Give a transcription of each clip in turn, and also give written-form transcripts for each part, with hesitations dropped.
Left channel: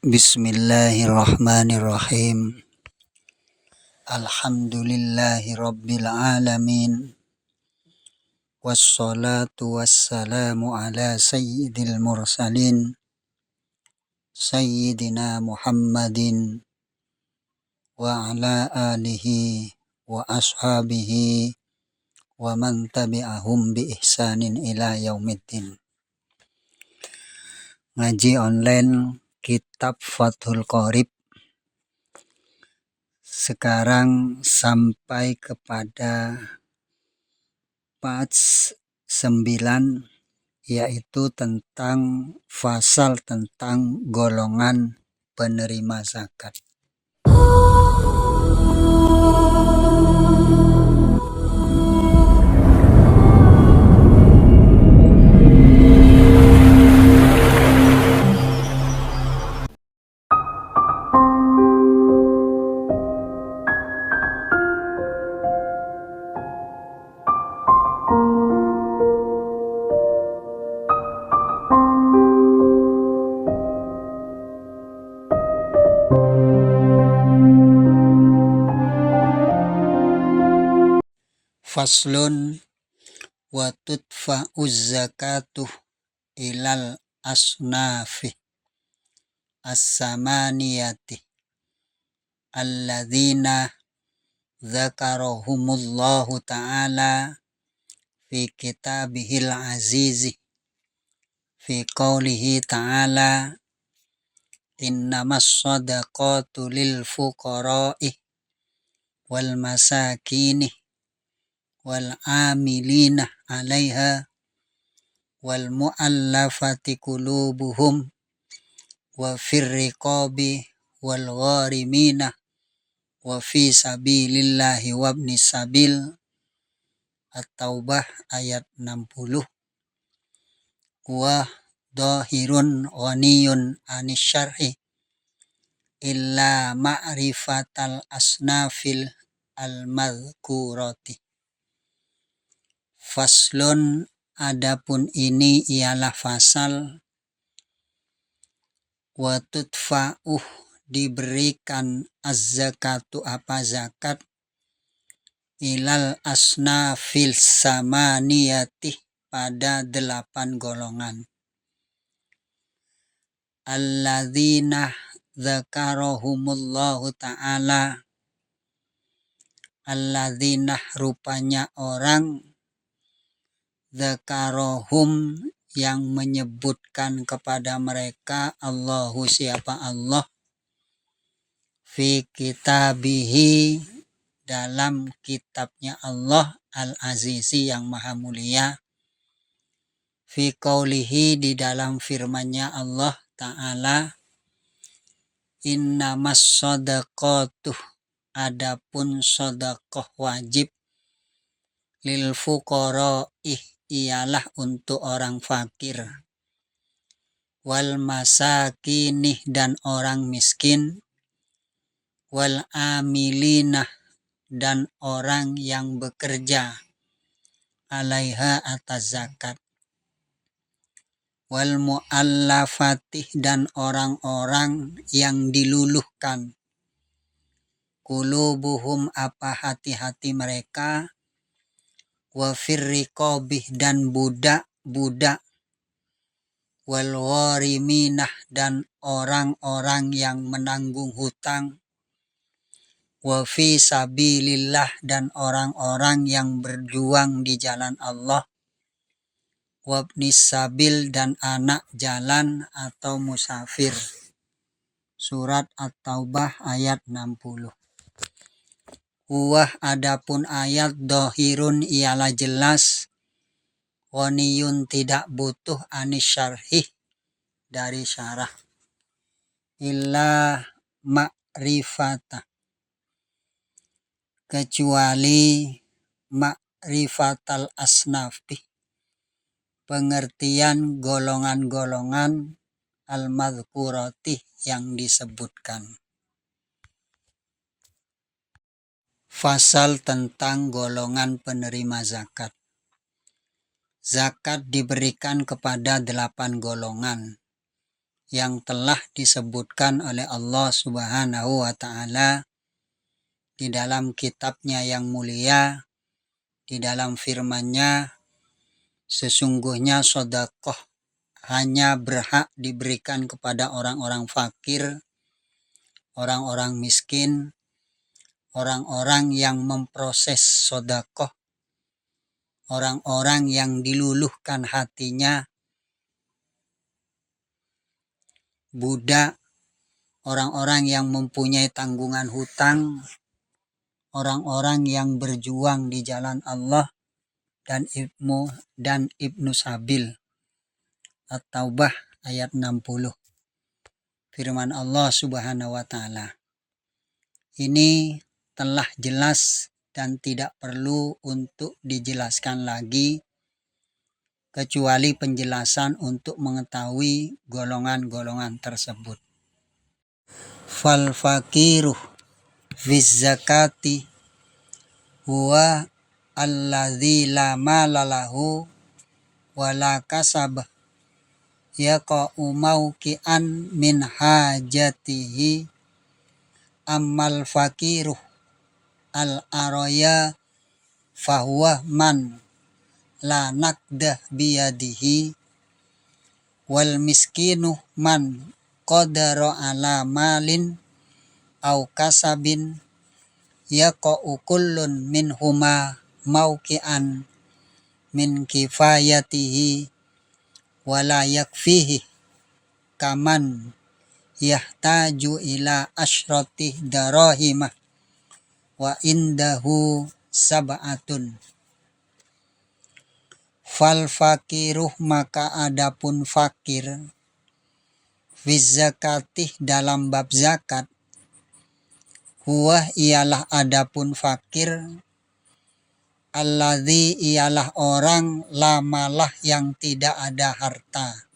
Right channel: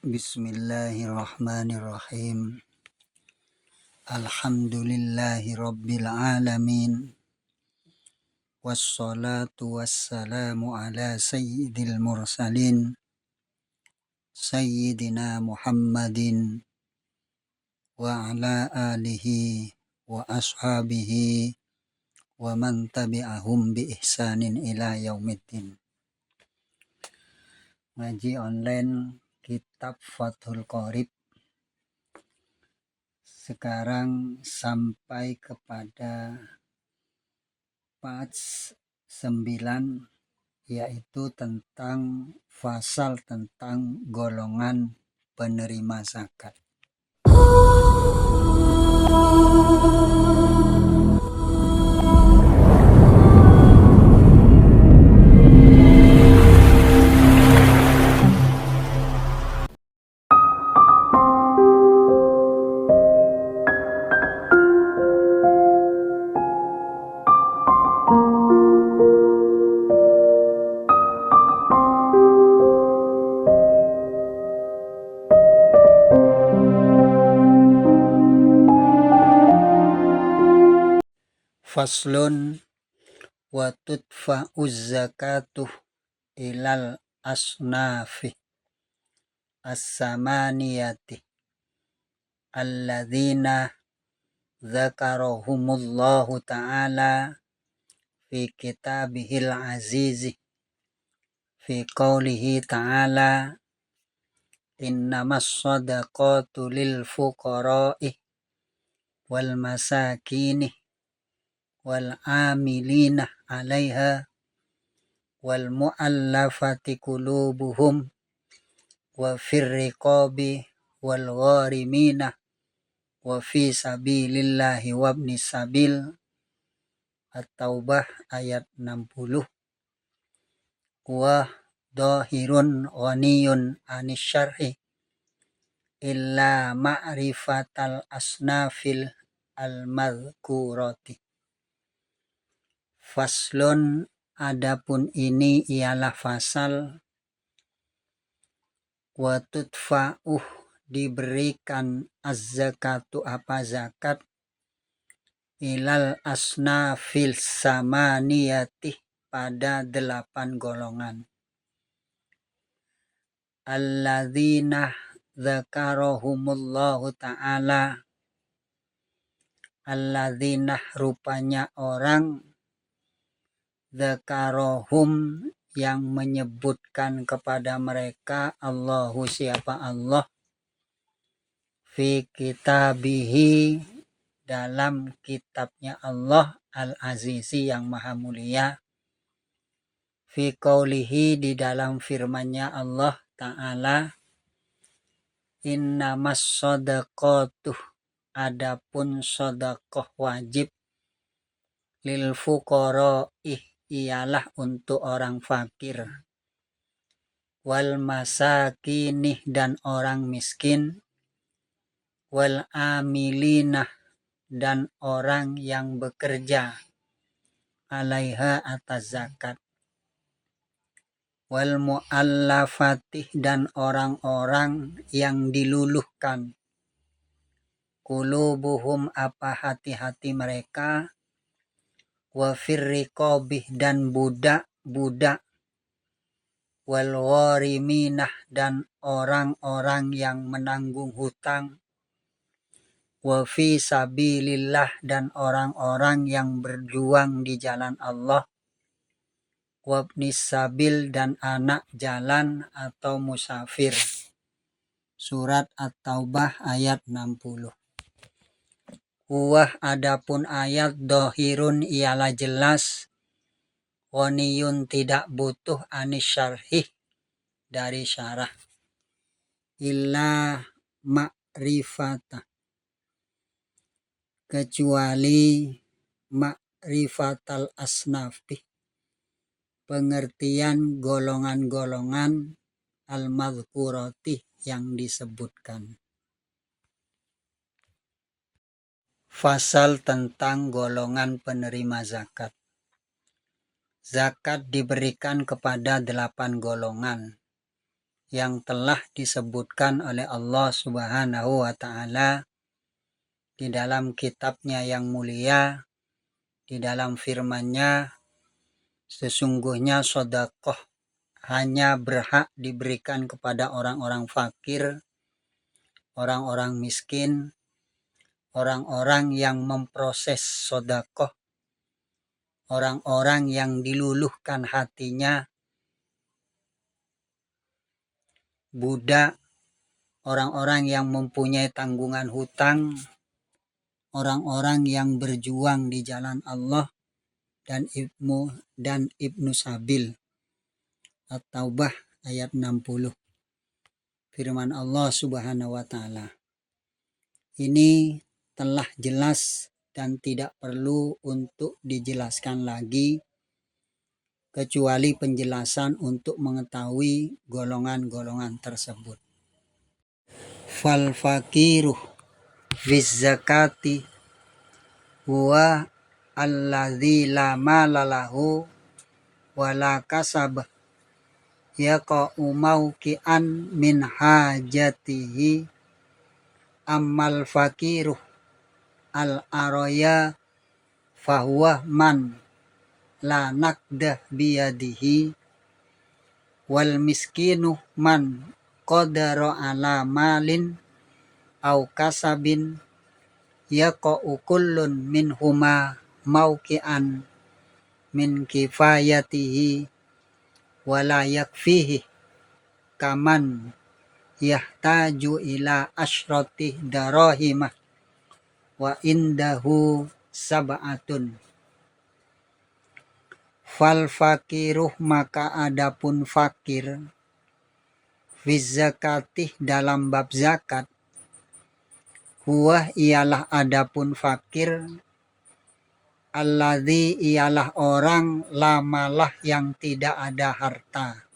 Bismillahirrahmanirrahim. Alhamdulillahi rabbil alamin. Wassalatu wassalamu ala sayyidil mursalin. Sayyidina Muhammadin wa ala alihi wa ashabihi wa man tabi'ahum bi ihsanin ila yaumiddin. Ngaji online Kitab Fathul Qorib. Sekarang sampai kepada page 9, yaitu tentang fasal tentang golongan penerima zakat. Faslun wa tudfa'uz zakatuh ilal asnafi as-samaniyati alladzina dzakarahumullahu ta'ala fi kitabihil azizi fi qawlihi ta'ala innamas shadaqatu lil fuqara'i wal masakini wal amilina 'alaiha wal mu'allafati qulubuhum wa fir riqabi wal gharimina wa fi sabilillahi wa ibnis sabil. At-Taubah ayat 60. Wa dhahirun ghaniyun anis syarhi illa ma'rifatal asnafil al-madhkurati. Faslun, adapun ini ialah fasal, wa tudfa'uh diberikan az-zakatu apa zakat, ilal asnafil samaniyati pada 8 golongan. Alladzina dzakarahumullahu ta'ala, alladzina rupanya orang, dzakarahum yang menyebutkan kepada mereka, Allahu siapa Allah, fi kitabihi dalam kitabnya Allah al-azizi yang maha mulia, fi qawlihi di dalam firman-Nya Allah Ta'ala, innamas shadaqatuh adapun shadaqah wajib, lil fuqara'i ialah untuk orang fakir, wal masakinih dan orang miskin, wal amilinah dan orang yang bekerja, alaiha atas zakat, wal mu'allafatih dan orang-orang yang diluluhkan, qulubuhum apa hati-hati mereka, wa firriqabih dan budak-budak, wal ghariminah dan orang-orang yang menanggung hutang, wa fi sabilillah dan orang-orang yang berjuang di jalan Allah, wa ibnis sabil dan anak jalan atau musafir. Surat At-Taubah ayat 60. Huwah adapun ayat dohirun ialah jelas, ghaniyun tidak butuh anis syarhih dari syarah, illa ma'rifata kecuali ma'rifatal asnafi pengertian golongan-golongan al-madhkurati yang disebutkan. Fasal tentang golongan penerima zakat. Zakat diberikan kepada 8 golongan, yang telah disebutkan oleh Allah Subhanahu wa Ta'ala di dalam kitabnya yang mulia, di dalam firman-Nya, sesungguhnya sedekah hanya berhak diberikan kepada orang-orang fakir, orang-orang miskin, orang-orang yang memproses sedekah, orang-orang yang diluluhkan hatinya, budak, orang-orang yang mempunyai tanggungan hutang, orang-orang yang berjuang di jalan Allah, dan Ibnu Sabil. At-Taubah ayat 60. Firman Allah Subhanahu wa Ta'ala. Ini telah jelas dan tidak perlu untuk dijelaskan lagi, kecuali penjelasan untuk mengetahui golongan-golongan tersebut. Fal fakiru fiz zakati huwa alladzi la mala lahu wa la kasab yaqa'u mauqi'an min hajatihi ammal fakiru al araya fahuwa man la naqdah biyadihi wal miskinu man qadara ala malin au kasabin yaqa'u kullun minhuma mauqi'an min kifayatihi wala yakfihi kaman yahtaju ila asyrati darahimah wa indahu sab'atun. Fal fakiruh, maka adapun fakir, fiz zakatih, dalam bab zakat, huwa ialah adapun fakir, alladzi ialah orang, lamalah yang tidak ada harta,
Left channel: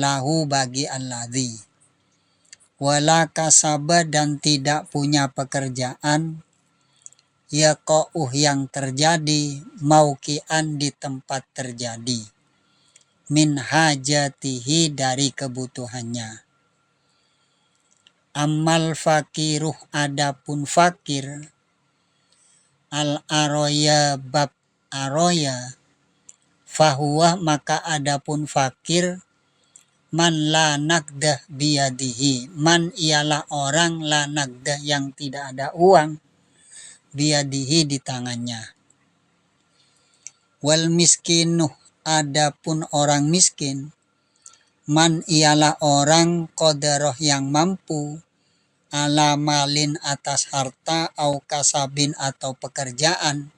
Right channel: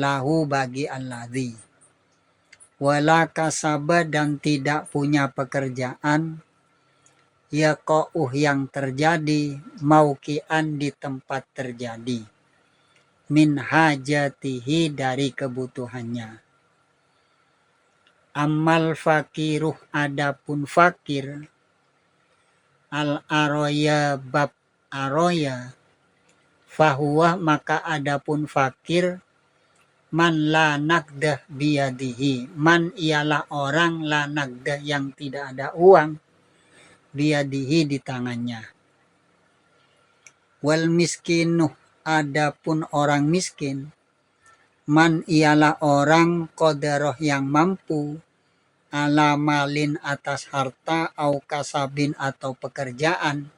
lahu bagi alladzi, wala kasaba dan tidak punya pekerjaan, yaqa'uh yang terjadi, mauqi'an di tempat terjadi, min hajatihi dari kebutuhannya. Amal fakiruh, adapun fakir, al aroya bab aroya, fahuwa maka adapun fakir, man la naqdah biyadihi, man ialah orang, la naqdah yang tidak ada uang, biyadihi di tangannya. Wal miskinuh, adapun orang miskin, man ialah orang qadaroh yang mampu, ala malin atas harta, au kasabin atau pekerjaan,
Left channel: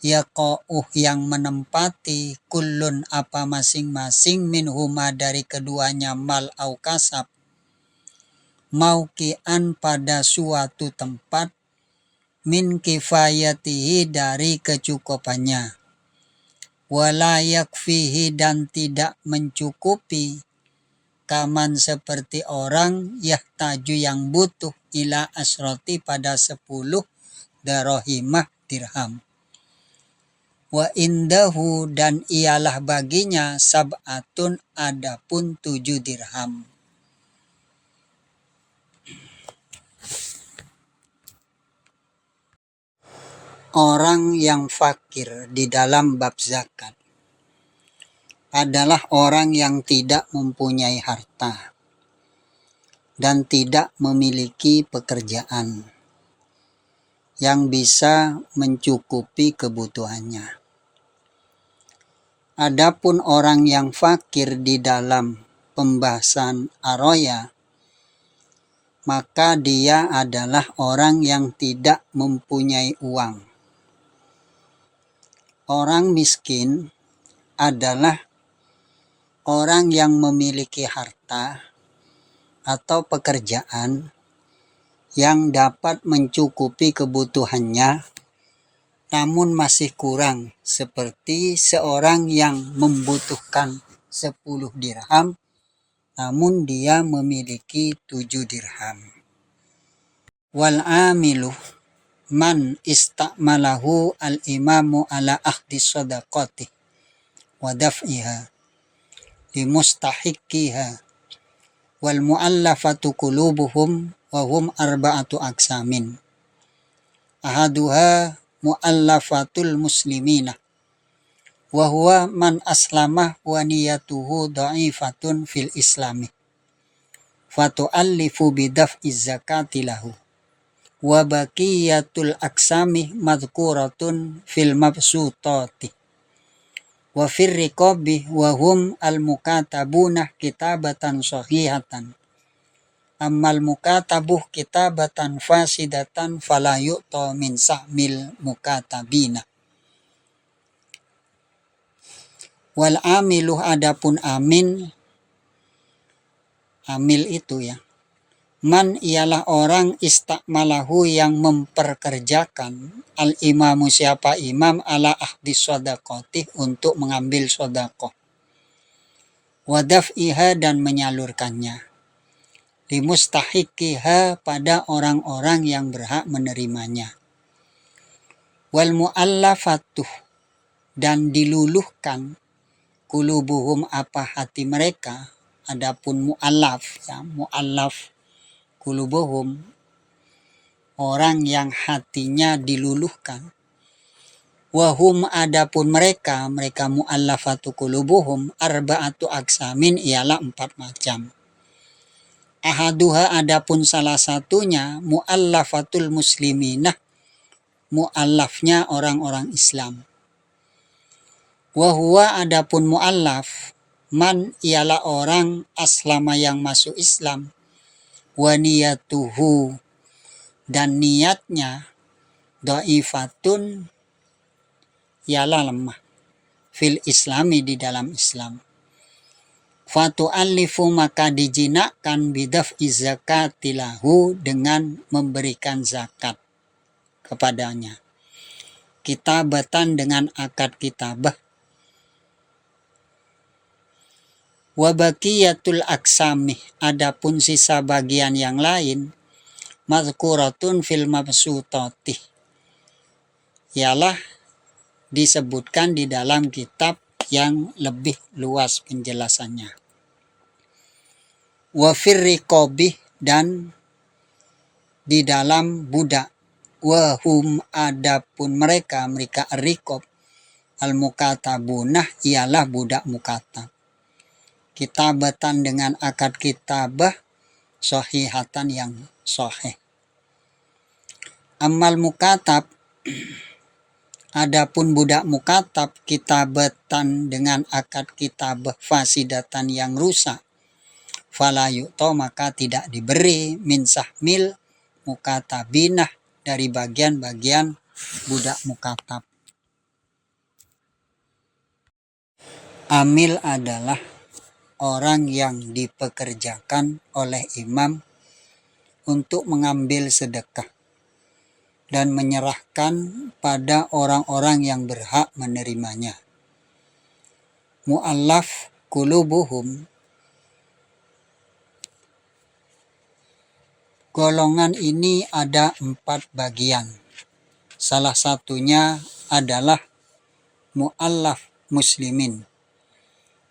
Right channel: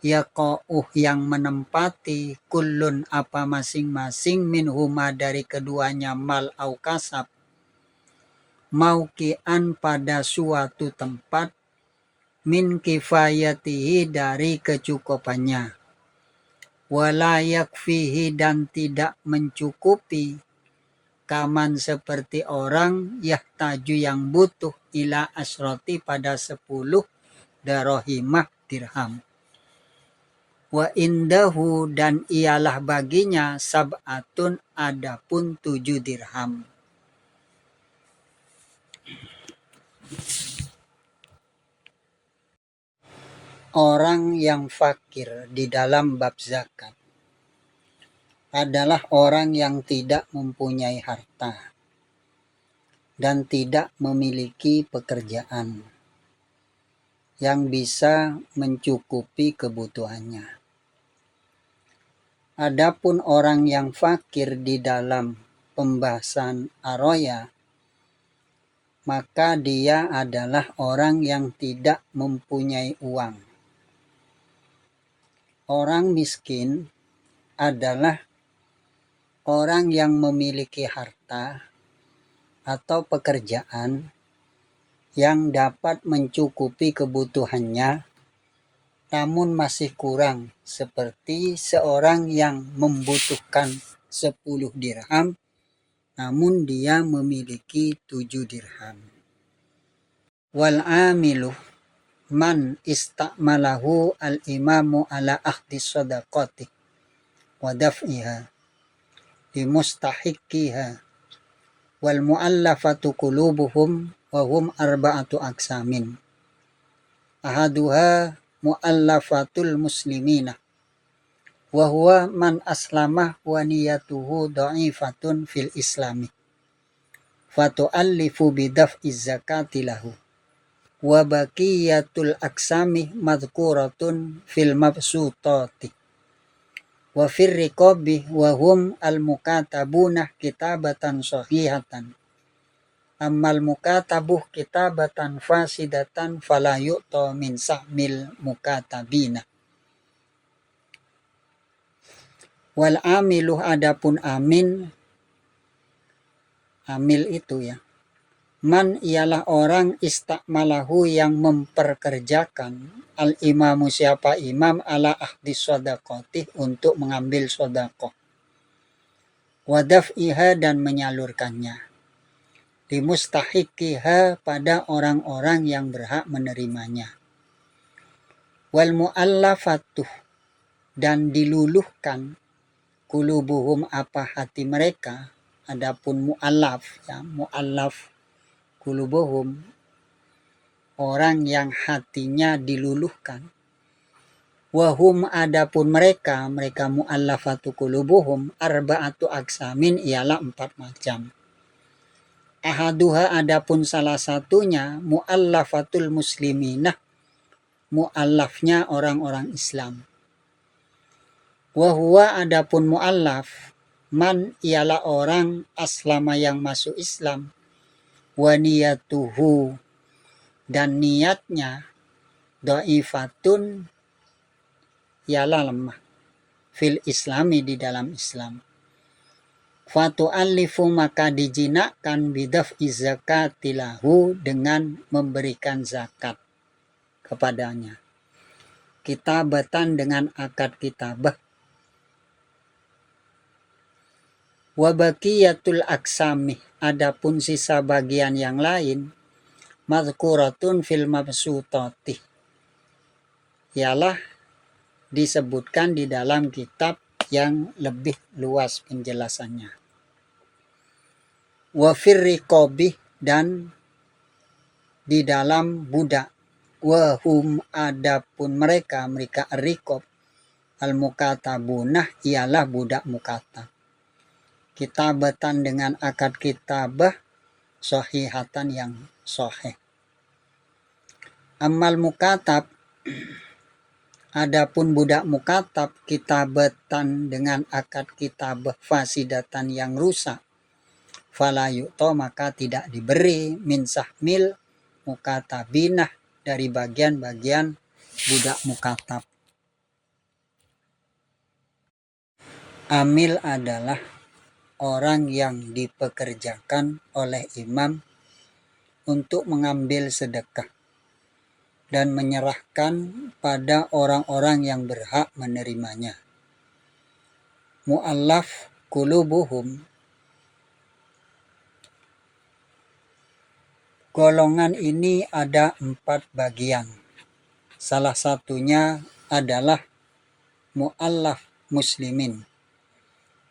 yaqa'uh yang menempati, kullun apa masing-masing, minhuma dari keduanya, mal au kasab, mauqi'an pada suatu tempat, min kifayatihi dari kecukupannya, wala yakfihi dan tidak mencukupi, kaman seperti orang, yahtaju yang butuh, ila asroti pada 10 darahimah dirham. Wa indahu dan ialah baginya, sab'atun adapun 7 dirham. Orang yang fakir di dalam bab zakat adalah orang yang tidak mempunyai harta dan tidak memiliki pekerjaan yang bisa mencukupi kebutuhannya. Adapun orang yang fakir di dalam pembahasan aroya, maka dia adalah orang yang tidak mempunyai uang. Orang miskin adalah orang yang memiliki harta atau pekerjaan yang dapat mencukupi kebutuhannya, namun masih kurang, seperti seorang yang membutuhkan 10 dirham, namun dia memiliki 7 dirham. Wal amilu man istakmalahu al-imamu ala akhdi sadaqati wa daf'iha limustahiqiha wal mu'allafatu qulubuhum wa hum arba'atu aqsamin. Ahaduha mu'allafatul muslimina wa huwa man aslamah wa niyatuhu dha'ifatun fil islami fatu'allifu bidaf'iz zakati lahu wa baqiyatul aqsami madhkuratun fil mabsutati wa fir riqabi wa hum al mukatabuna kitabatan sahihatan ammal mukatabuh kitabatan fasidatan fala yu'ta min sahmil mukatabina. Wal amiluh adapun amil itu ya, man ialah orang istakmalahu yang memperkerjakan al imamu siapa imam ala ahdi sodakotih untuk mengambil sodakoh, wadaf'iha dan menyalurkannya, limustahiqiha pada orang-orang yang berhak menerimanya, wal mu'allafatuh dan diluluhkan kulubuhum apa hati mereka. Adapun mu'allaf ya, mu'allaf kulubuhum orang yang hatinya diluluhkan. Wahum adapun mereka mu'allafatu kulubuhum arba'atu aksamin ialah 4 macam. Ahaduha adapun salah satunya mu'allafatul musliminah, mu'allafnya orang-orang Islam. Wahuwa adapun mu'allaf man ialah orang aslama yang masuk Islam, wa niyatuhu dan niatnya dha'ifatun ialah lemah, fil islami di dalam Islam. Fatu'allifu maka dijinakkan bidaf'i zakatilahu dengan memberikan zakat kepadanya, kitabatan dengan akad kitabah. Wabaqiyatul aksami adapun sisa bagian yang lain mazkuratun fil mabsutati ialah disebutkan di dalam kitab yang lebih luas penjelasannya. Wa fir riqabi dan di dalam budak, wa hum adapun mereka riqab al mukatabunah ialah budak mukatab, kitabatan dengan akad kitabah sahihatan yang sahih. Amal mukatab adapun budak mukatab kitabatan dengan akad kitabah fasidatan yang rusak, fala yu'ta maka tidak diberi min sahmil mukatabinah dari bagian-bagian budak mukatab. Amil adalah orang yang dipekerjakan oleh imam untuk mengambil sedekah dan menyerahkan pada orang-orang yang berhak menerimanya. Mu'allaf kulubuhum, golongan ini ada 4 bagian. Salah satunya adalah mu'allaf muslimin,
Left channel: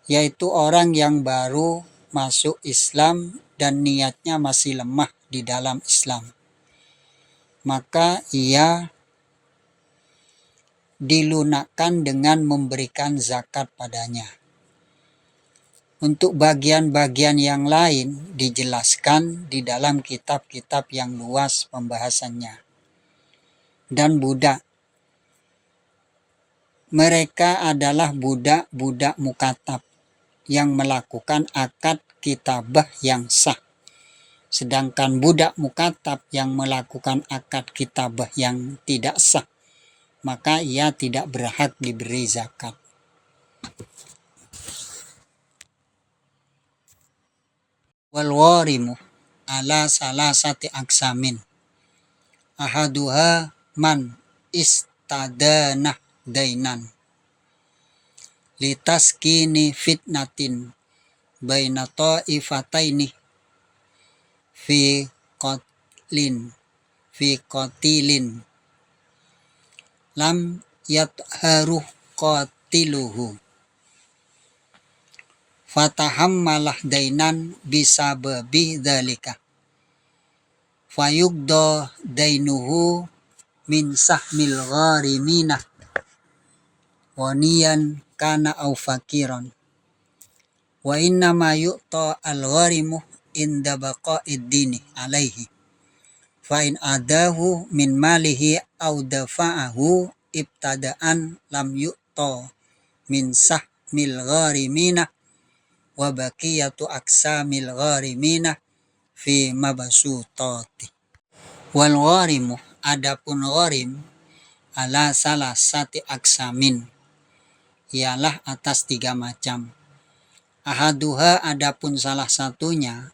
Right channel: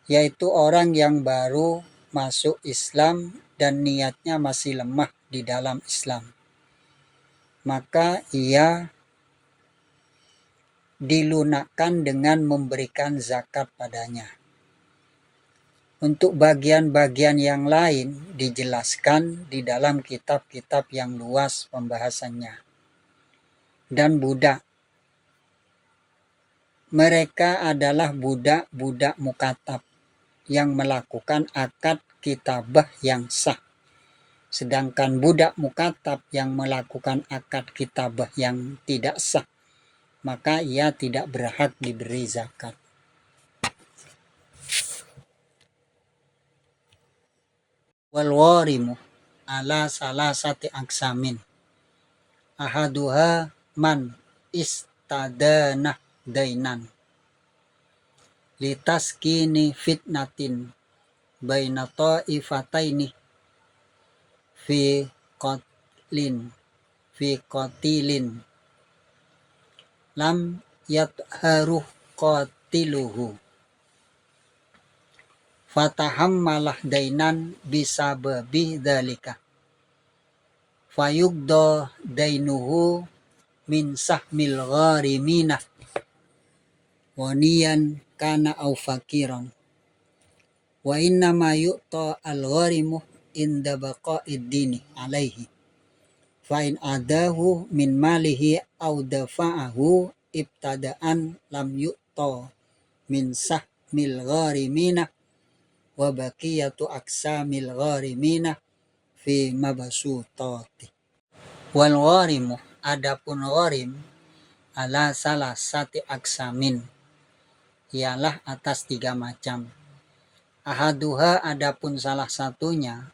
yaitu orang yang baru masuk Islam dan niatnya masih lemah di dalam Islam. Maka ia dilunakkan dengan memberikan zakat padanya. Untuk bagian-bagian yang lain dijelaskan di dalam kitab-kitab yang luas pembahasannya. Dan budak, mereka adalah budak-budak mukatab yang melakukan akad kitabah yang sah. Sedangkan budak mukatab yang melakukan akad kitabah yang tidak sah, maka ia tidak berhak diberi zakat. Wal warimu ala salasati aksamin. Ahaduha man istadanah dainan litaskini fitnatin baina ta'ifataini fi qatilin lam yatharu qatiluhu fatahammalah dainan bisababi dzalika fayugdo dainuhu min sahmil gharimina waniyan kana au fakiran wa inna ma yu'ta al-gharimu inda baqa'id dini alaihi fa in adahu min malihi au dafa'ahu ibtada'an lam yu'ta min sahmil gharimina wa baqiyatu aksamil gharimina fi mabsutati. Wal gharimu, adapun gharim ala salah sati aksamin, ialah atas 3 macam. Ahaduha, adapun salah satunya,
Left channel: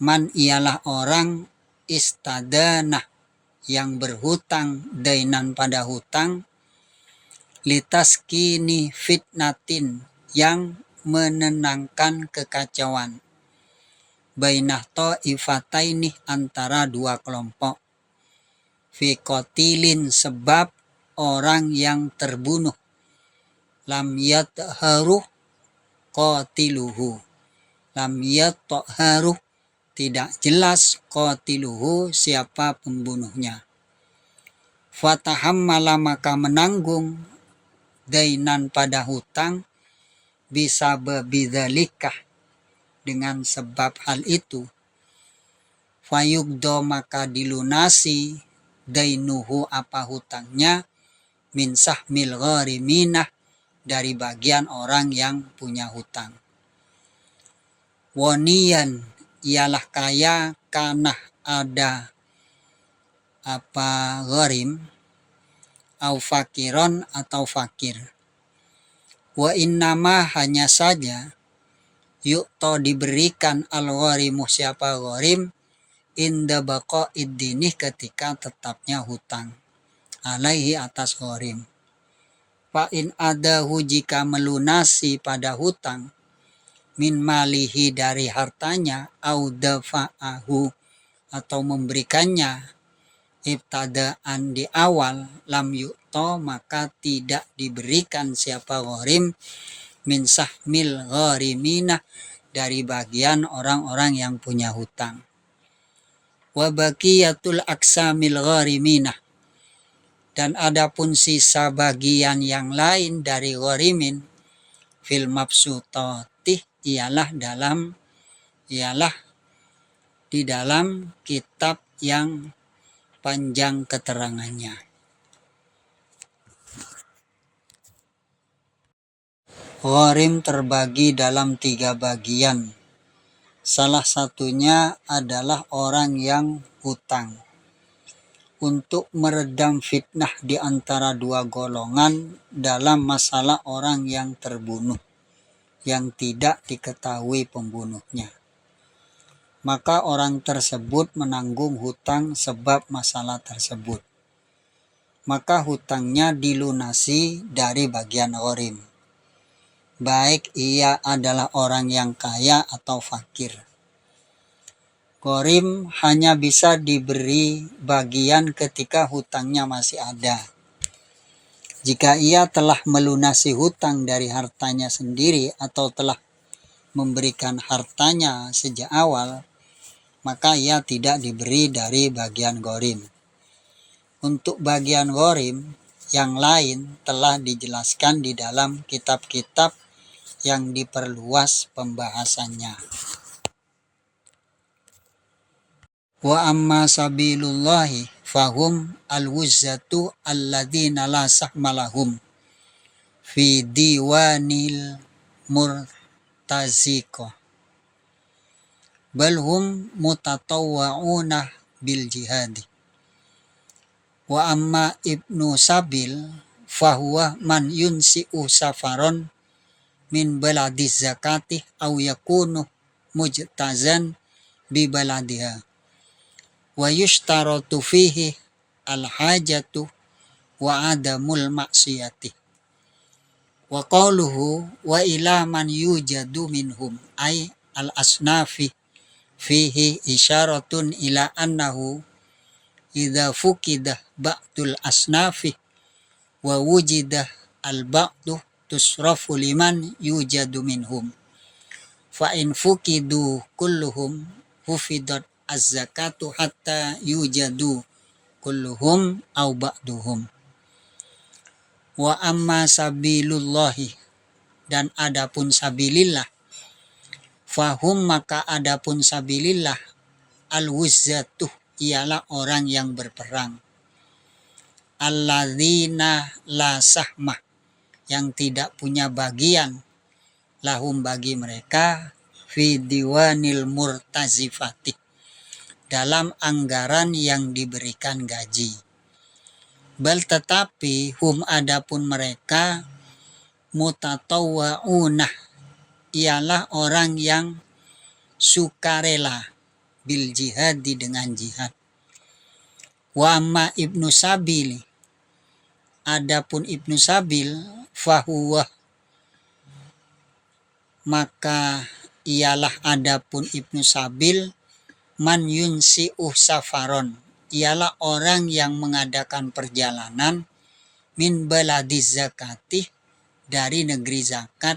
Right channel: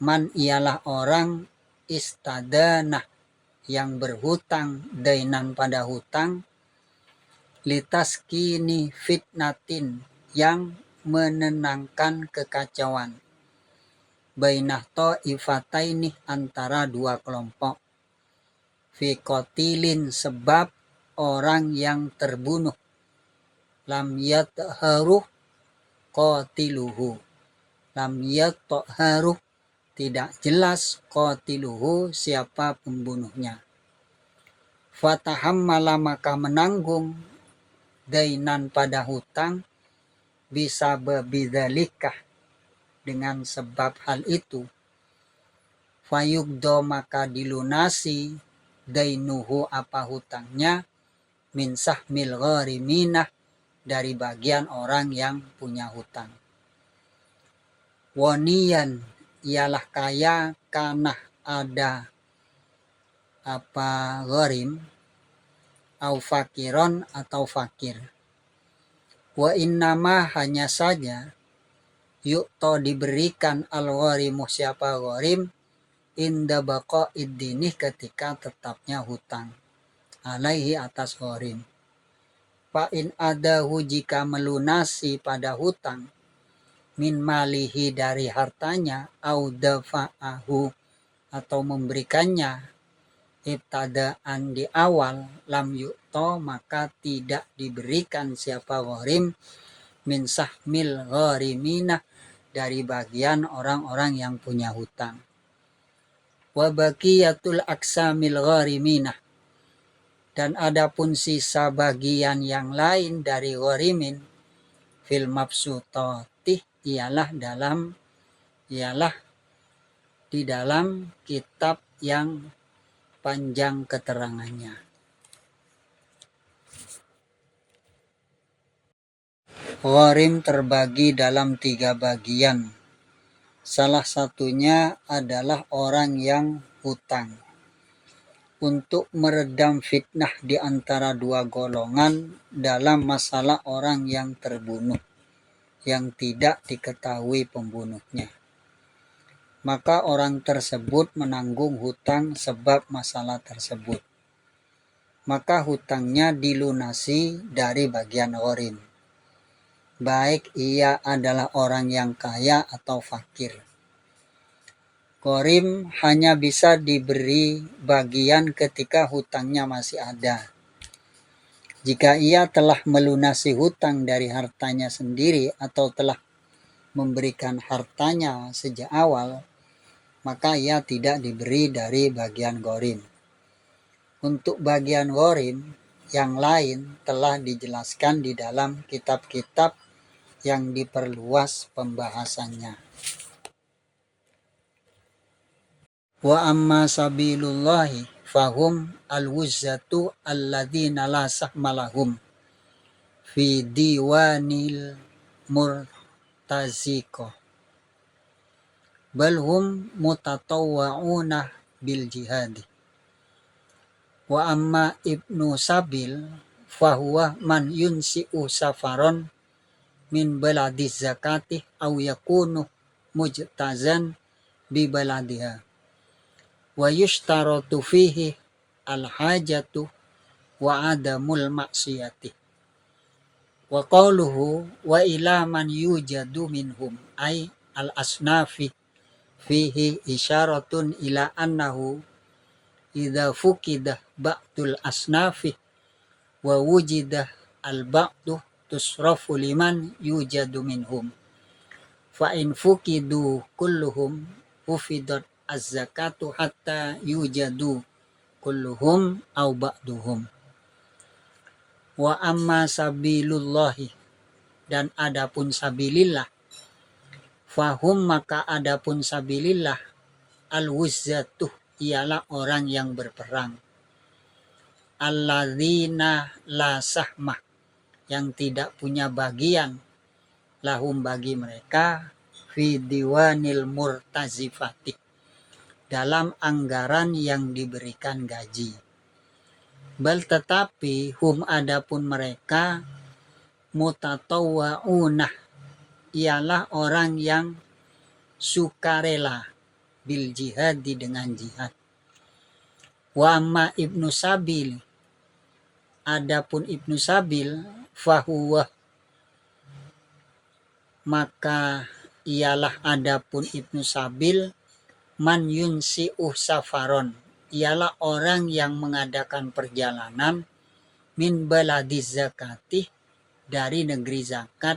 man ialah orang istadanah yang berhutang dainan pada hutang, litaskini fitnatin yang menenangkan kekacauan, bainah ta'ifataini antara 2 kelompok, fi qatilin sebab orang yang terbunuh, lam yatharu qatiluhu, lam yatharu tidak jelas qatiluhu siapa pembunuhnya. Fatahammala maka menanggung dainan pada hutang bisa bidzalika dengan sebab hal itu, fayugdo maka dilunasi dainuhu apa hutangnya min sahmil ghariminah dari bagian orang yang punya hutang. Waniyan ialah kaya karena ada apa gharim, au fakiron atau fakir. Wa innama hanya saja yu'to diberikan al-gharimu siapa gharim inda baqa'id dini ketika tetapnya hutang alaihi atas gharim. Fa in adahu jika melunasi pada hutang min malihi dari hartanya au dafa'ahu atau memberikannya ibtadaan di awal lam yu'to maka tidak diberikan siapa gharim min sahmil gharimina dari bagian orang-orang yang punya hutang. Wa baqiyatul aksamil gharimina, dan adapun sisa bagian yang lain dari gharimin fil mabsutati ialah di dalam kitab yang panjang keterangannya. Gharim terbagi dalam 3 bagian. Salah satunya adalah orang yang hutang. Untuk meredam fitnah di antara 2 golongan dalam masalah orang yang terbunuh yang tidak diketahui pembunuhnya, maka orang tersebut menanggung hutang sebab masalah tersebut, maka hutangnya dilunasi dari bagian gharim, baik ia adalah orang yang kaya atau fakir. Gharim hanya bisa diberi bagian ketika hutangnya masih ada. Jika ia telah melunasi hutang dari hartanya sendiri atau telah memberikan hartanya sejak awal, maka ia tidak diberi dari bagian gharim. Untuk bagian gharim yang lain telah dijelaskan di dalam kitab-kitab yang diperluas pembahasannya. Wa amma sabilullahi fahum al-wuzzatu alladzina la sahmalahum fi diwanil murtaziqah bal hum mutatawwa'una bil jihadi. Wa amma ibnu sabil fahuwa man yunsi'u safaron min baladiz zakati aw yakunu mujtazan bi baladiha wa yushtaratu fihi al-hajatu wa adamul maksiyati. Wa qawluhu wa ila man yujadu minhum ay al-asnafi fihi isyaratun ila annahu idza fuqidah ba'dul asnafi wa wujidah al-ba'du tusrafu liman yujadu minhum fa in fukidu kulluhum hufidat az-zakatu hatta yujadu kulluhum au ba'duhum. Wa amma sabilullahi, dan adapun sabilillah, fahum maka adapun sabilillah, al-wuzzatuh ialah orang yang berperang, alladzina la sahmah yang tidak punya bagian, lahum bagi mereka, fi diwanil murtazifati dalam anggaran yang diberikan gaji. Bal tetapi hum adapun mereka, mutatawwa'unah ialah orang yang sukarela bil jihadi dengan jihad. Wa amma ibnu sabil, adapun ibnu sabil, fahuwa maka ialah adapun ibnu sabil, man yunsi'uh safaron ialah orang yang mengadakan perjalanan, min baladiz zakati dari negeri zakat,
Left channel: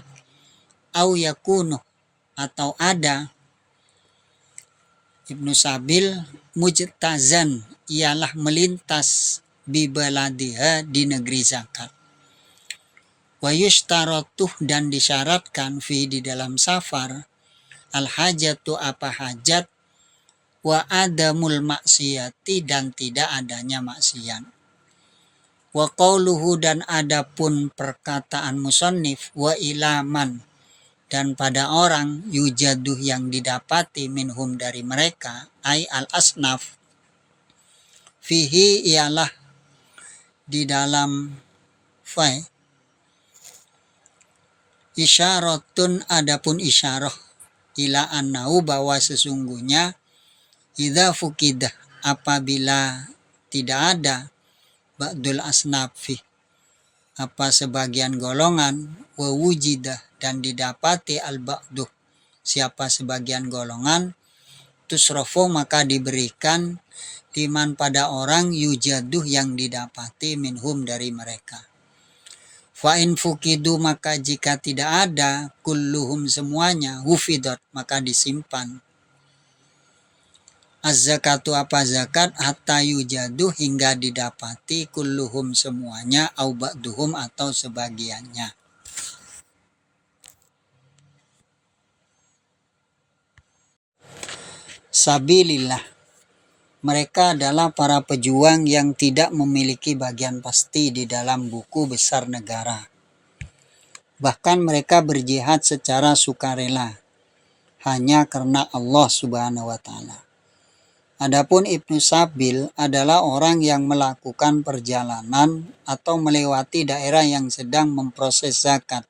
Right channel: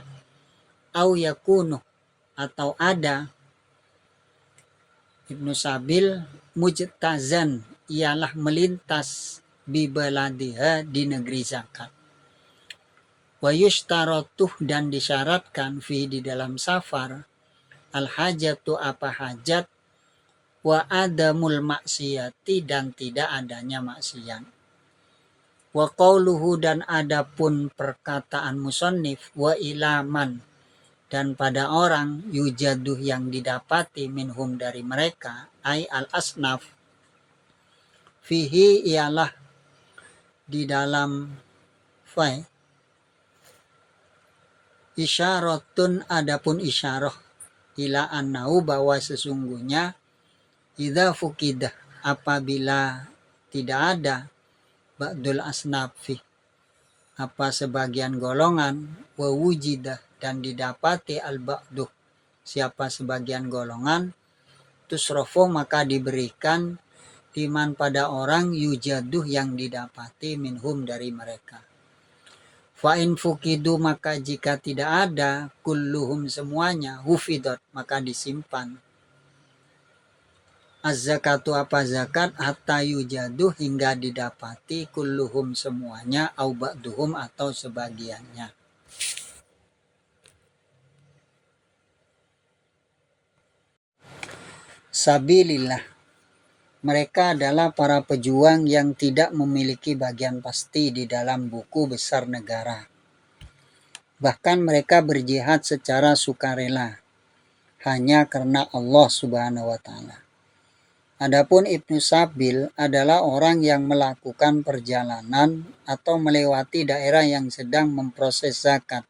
au yakunu atau ada ibnu sabil, mujtazan ialah melintas, bi baladiha di negeri zakat. Wa yushtaratuh dan disyaratkan fi di dalam safar, al hajatu apa hajat, wa adamul maksiyati dan tidak adanya maksiat. Wa qauluhu dan adapun perkataan musannif, wa ilaman dan pada orang, yujaduh yang didapati, minhum dari mereka, ay al asnaf, fihi ialah di dalam fai, isyaratun adapun isyarah, ila annahu bahwa sesungguhnya, idza fukidah apabila tidak ada, ba'dul asnafi apa sebagian golongan, wa wujidah dan didapati al ba'duh siapa sebagian golongan, tusrofu maka diberikan, liman pada orang, yujaduh yang didapati, minhum dari mereka. Fa in fukidu maka jika tidak ada, kulluhum semuanya, hufidat maka disimpan, az-zakatu apa zakat, hatta yujadu hingga didapati, kulluhum semuanya, au ba'duhum atau sebagiannya. Sabilillah, mereka adalah para pejuang yang tidak memiliki bagian pasti di dalam buku besar negara. Bahkan mereka berjihad secara sukarela, hanya karena Allah Subhanahu wa Ta'ala. Adapun Ibnu Sabil adalah orang yang melakukan perjalanan atau melewati daerah yang sedang memproses zakat.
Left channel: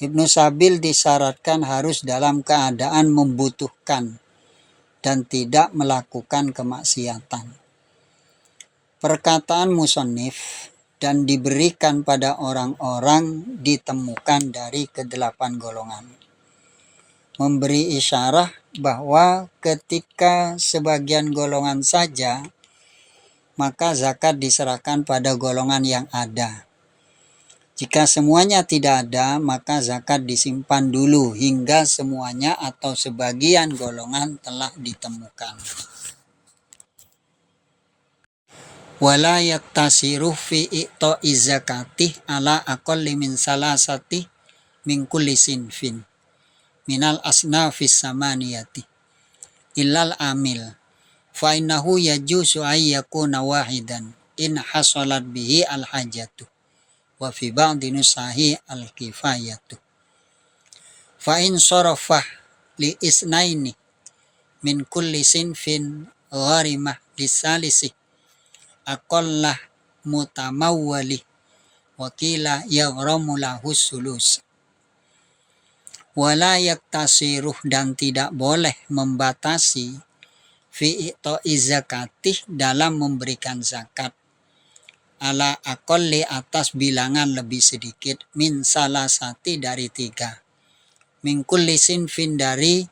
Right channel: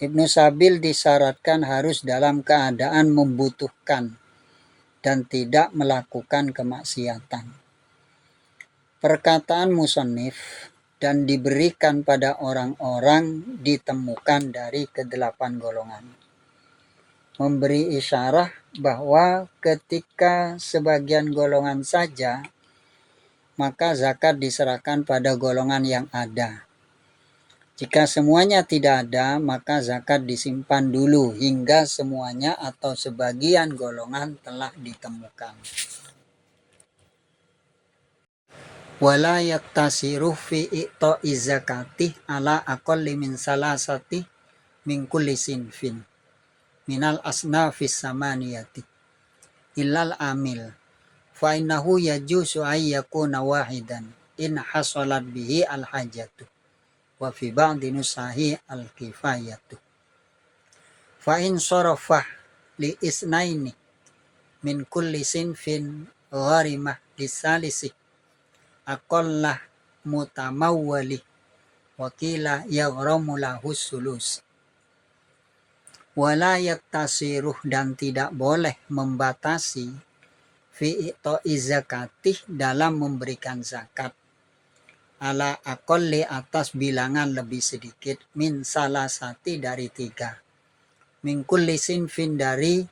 Ibnu Sabil disyaratkan harus dalam keadaan membutuhkan dan tidak melakukan kemaksiatan. Perkataan musannif, dan diberikan pada orang-orang ditemukan dari kedelapan golongan, memberi isyarah bahwa ketika sebagian golongan saja, maka zakat diserahkan pada golongan yang ada. Jika semuanya tidak ada, maka zakat disimpan dulu hingga semuanya atau sebagian golongan telah ditemukan. Wala yattasiru fi i'ta'i zakati ala aqalli min salasati min kulli sinfin minal asnafis samaniyati illal amil fa innahu yajuzu ay yakuna wahidan in hasalat bihi al hajatu wa fi ba'di nusahi al kifayatu fa in sarafah li isnaini min kulli sinfin gharimah lisalisi aqallah mutamawwali wakila yaghramu lahu sulus. Wala yaktasiruh dan tidak boleh membatasi fi i'ta'i zakatih dalam memberikan zakat ala aqalli atas bilangan lebih sedikit min salasati dari 3 min kulli sinfin dari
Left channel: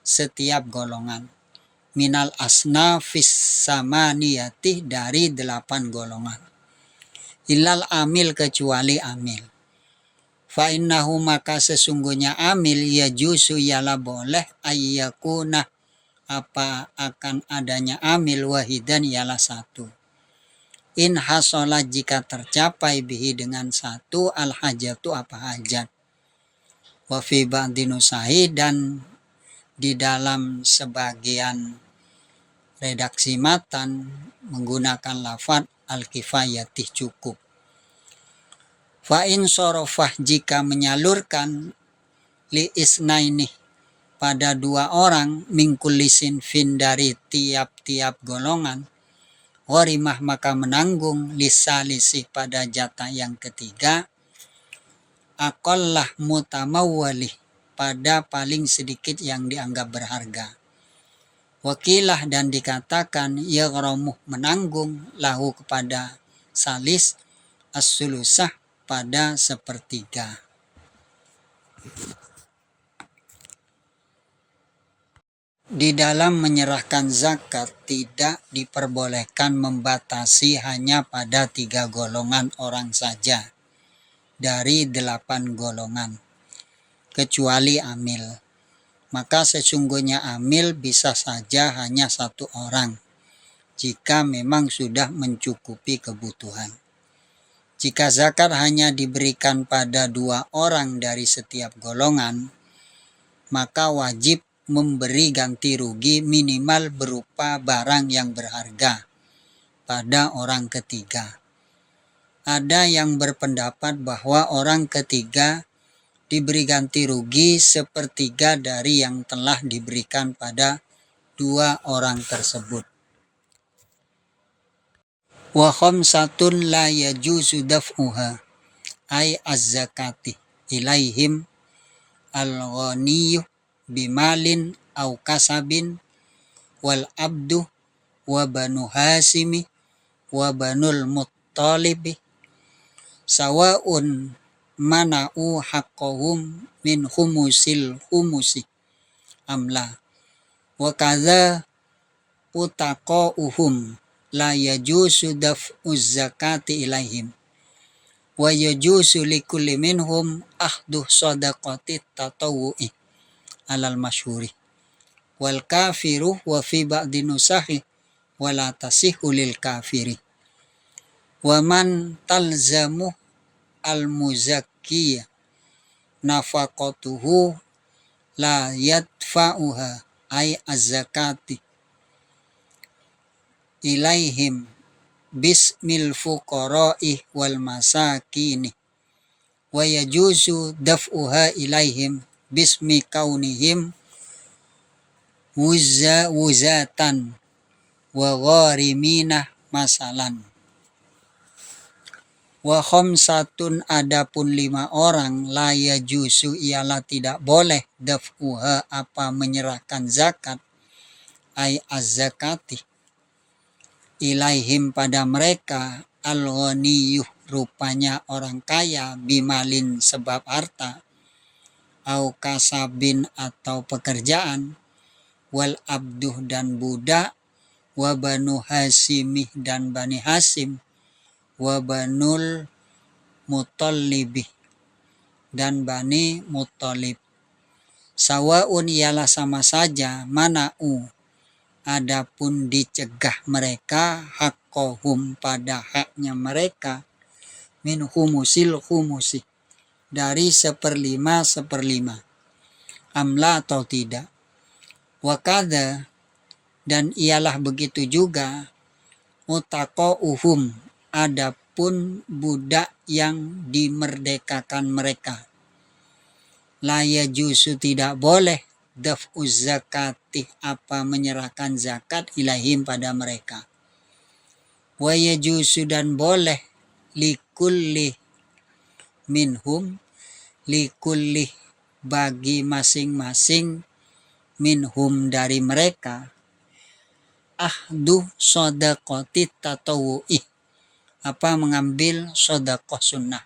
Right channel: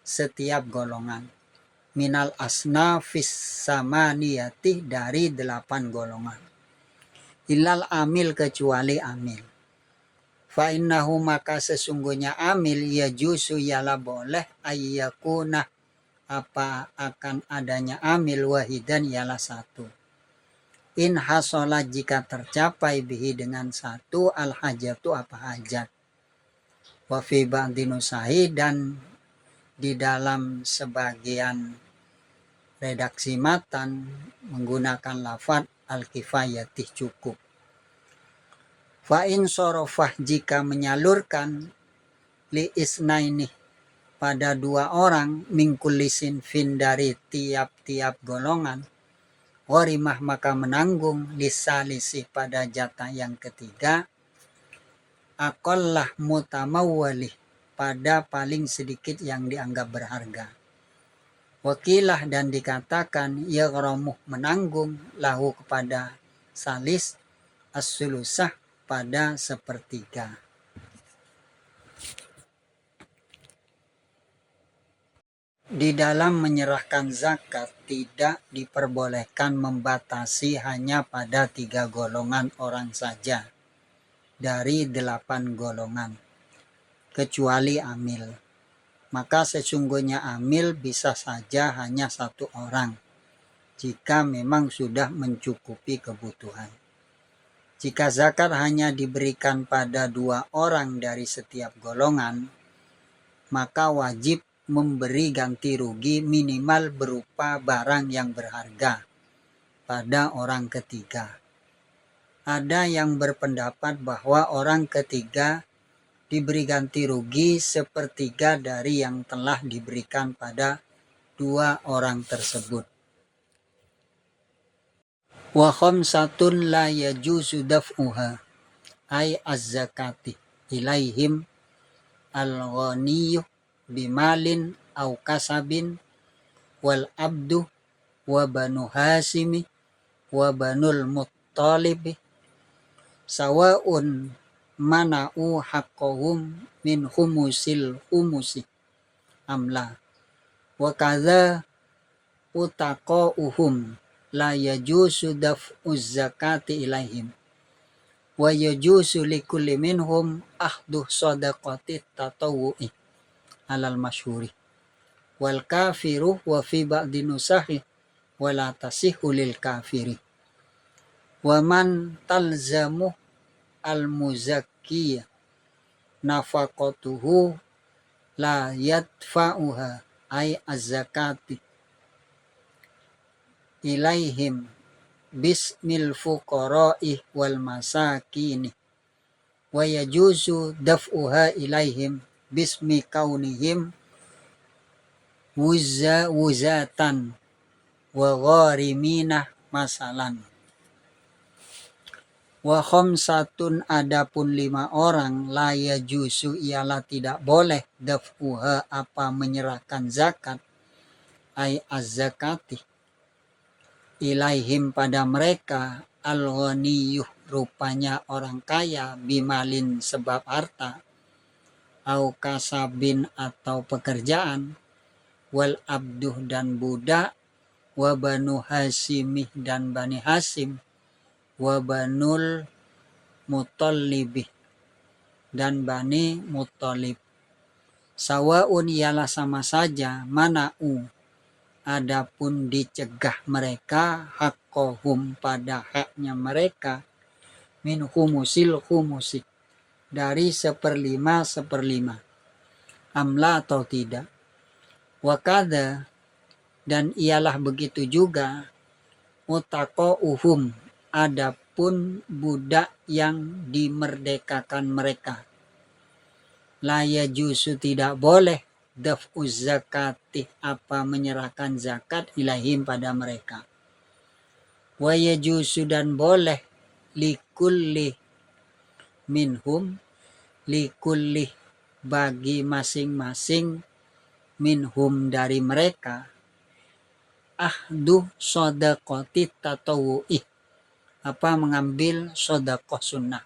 setiap golongan minal asnafis samaniyati dari 8 golongan illal amil kecuali amil Fa innahu maka sesungguhnya amil ya jusu ialah boleh ayyakuna apa akan adanya amil wahidan ialah satu. In hasola jika tercapai bihi dengan satu al hajatu apa hajat. Wa fi ba'di nusahi dan di dalam sebagian redaksi matan menggunakan lafaz al-kifayatih cukup. Fa in sorofah jika menyalurkan li isnaini pada dua orang mingkulisin fin dari tiap-tiap golongan warimah maka menanggung lisalisi pada jatah yang ketiga akollah mutamawwalih pada paling sedikit yang dianggap berharga. Wakilah dan dikatakan yaghramuh menanggung lahu kepada salis as-sulusah pada sepertiga. Di dalam menyerahkan zakat tidak diperbolehkan membatasi hanya pada 3 golongan orang saja dari 8 golongan, kecuali amil. Maka sesungguhnya amil bisa saja hanya 1 orang, jika memang sudah mencukupi kebutuhan. Jika zakat hanya diberikan pada 2 orang dari setiap golongan, maka wajib memberi ganti rugi minimal berupa barang yang berharga pada orang ketiga. Ada yang berpendapat bahwa orang ketiga diberi ganti rugi sepertiga dari yang telah diberikan pada 2 orang tersebut. Wa khamsatun la yajuzu daf'uha ay az-zakati ilaihim al-ghaniyyu bimalin au kasabin wal abdu wa banu hasimi wa banul muttalibi sawaun mana'u haqqahum min humusil humusi amla wa kadza utaqauhum la yajuzu daf'uz zakati ilaihim wa yajuzu likulli minhum ahdu shadaqati tatawu'i alal masyhuri wal kafiru wa fi ba'di nusahi wala tasihu lil kafiri wa man talzamu al muzakkiya nafaqatuhu la yadfa'uha ay az-zakati ilaihim bismil fuqara'i wal masakini wa yajuzu daf'uha ilaihim bismi kaunihim wuzatan wa gharimina masalan. Wa khamsatun adapun 5 orang la yajuzu ialah tidak boleh daf'uha apa menyerahkan zakat ay az-zakati ilaihim pada mereka al-ghaniyuh rupanya orang kaya bimalin sebab harta au kasabin atau pekerjaan wal abduh dan budak wa banu hasimih dan bani hasim wa banul mutallibih dan bani muttalib sawaun ialah sama saja mana'u adapun dicegah mereka haqqahum pada haknya mereka min humusil humusi dari 1/5 amla atau tidak. Wakada dan ialah begitu juga utaqauhum adapun budak yang dimerdekakan mereka la yajuzu tidak boleh daf'uz zakati apa menyerahkan zakat ilahim pada mereka wa yajuzu dan boleh likulli minhum likulli bagi masing-masing minhum dari mereka ahdu shadaqati tatawu'i apa mengambil shadaqah sunnah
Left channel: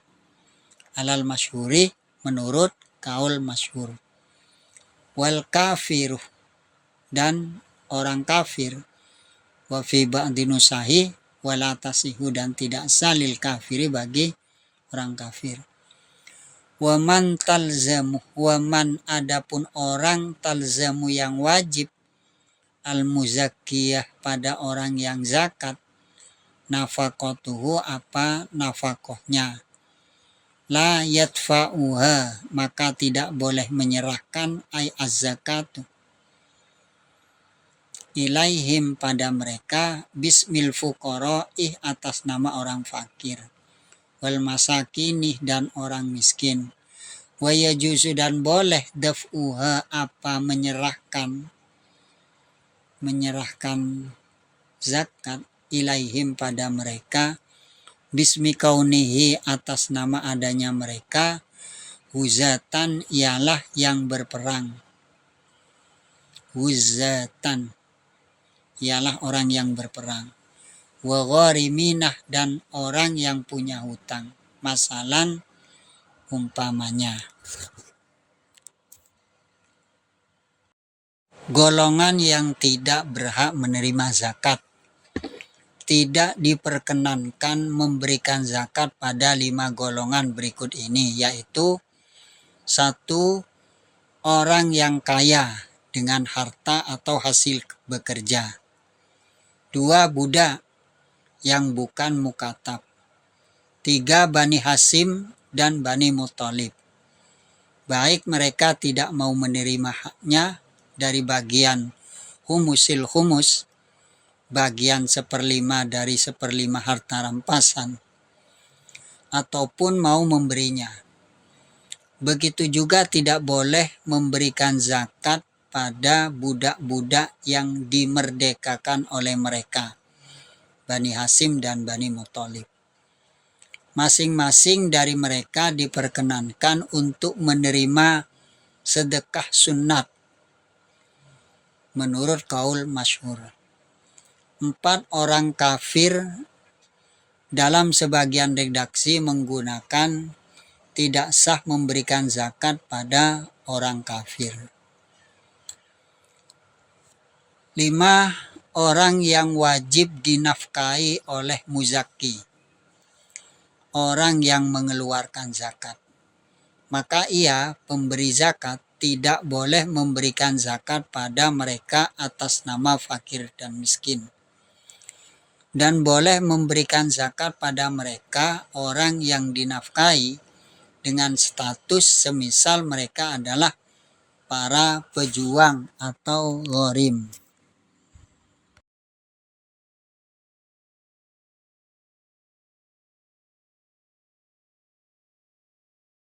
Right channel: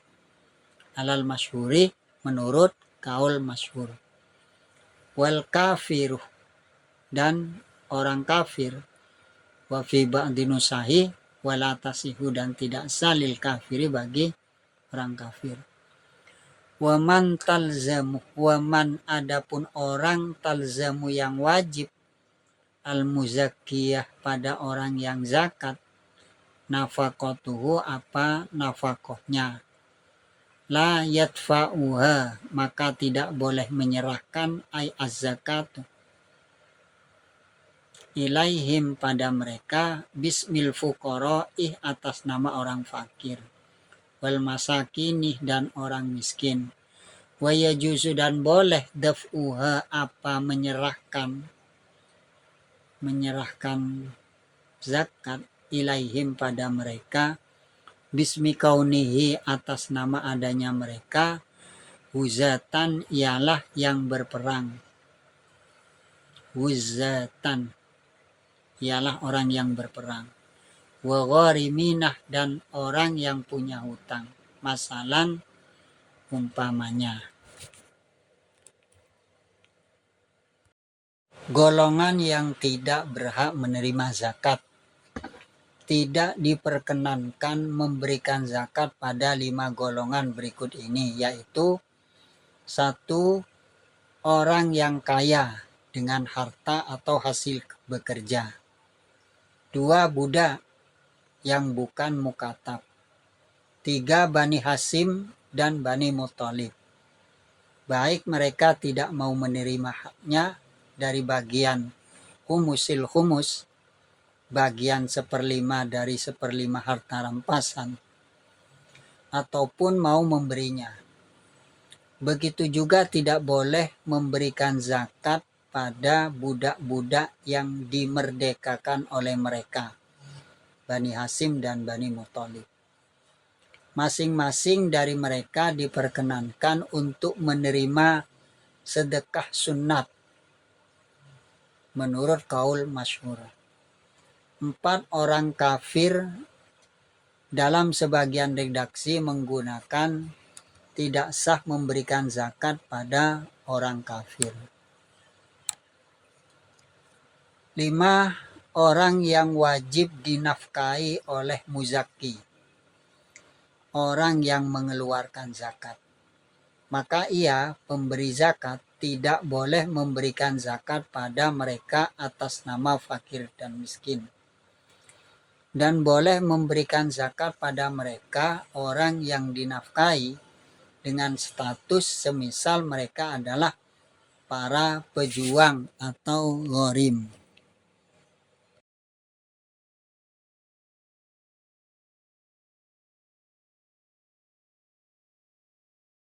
alal masyhuri menurut kaul masyhur wal kafiru dan orang kafir wa fi ba'di nusahi wala tasihu dan tidak salil kafiri bagi orang kafir Waman talzamu, waman adapun orang talzamu yang wajib, al-muzakkiyah pada orang yang zakat, nafakotuhu apa nafakohnya, la yadfa'uha maka tidak boleh menyerahkan ay az-zakatu ilaihim pada mereka bismil fuqaraih atas nama orang fakir, wal masakinih dan orang miskin, wa yajuzu dan boleh daf'uha apa menyerahkan zakat ilaihim pada mereka bismi kaunihi atas nama adanya mereka huzatan ialah yang berperang, huzatan ialah orang yang berperang, wa ghariminah dan orang yang punya hutang, masalan umpamanya golongan yang tidak berhak menerima zakat. Tidak diperkenankan memberikan zakat pada 5 golongan berikut ini, yaitu 1. Orang yang kaya dengan harta atau hasil bekerja. 2. Budak yang bukan mukatab. 3. Bani Hasim dan Bani Muthalib. Baik mereka tidak mau menerima haknya dari bagian humusil humus, bagian 1/5 dari 1/5 harta rampasan, ataupun mau memberinya. Begitu juga tidak boleh memberikan zakat pada budak-budak yang dimerdekakan oleh mereka, Bani Hasim dan Bani Muthalib. Masing-masing dari mereka diperkenankan untuk menerima sedekah sunat menurut kaul masyhur. 4 orang kafir dalam sebagian redaksi menggunakan tidak sah memberikan zakat pada orang kafir. 5 orang yang wajib dinafkahi oleh muzakki, orang yang mengeluarkan zakat. Maka ia, pemberi zakat, tidak boleh memberikan zakat pada mereka atas nama fakir dan miskin. Dan boleh memberikan zakat pada mereka orang yang dinafkahi dengan status semisal mereka adalah para pejuang atau gharim.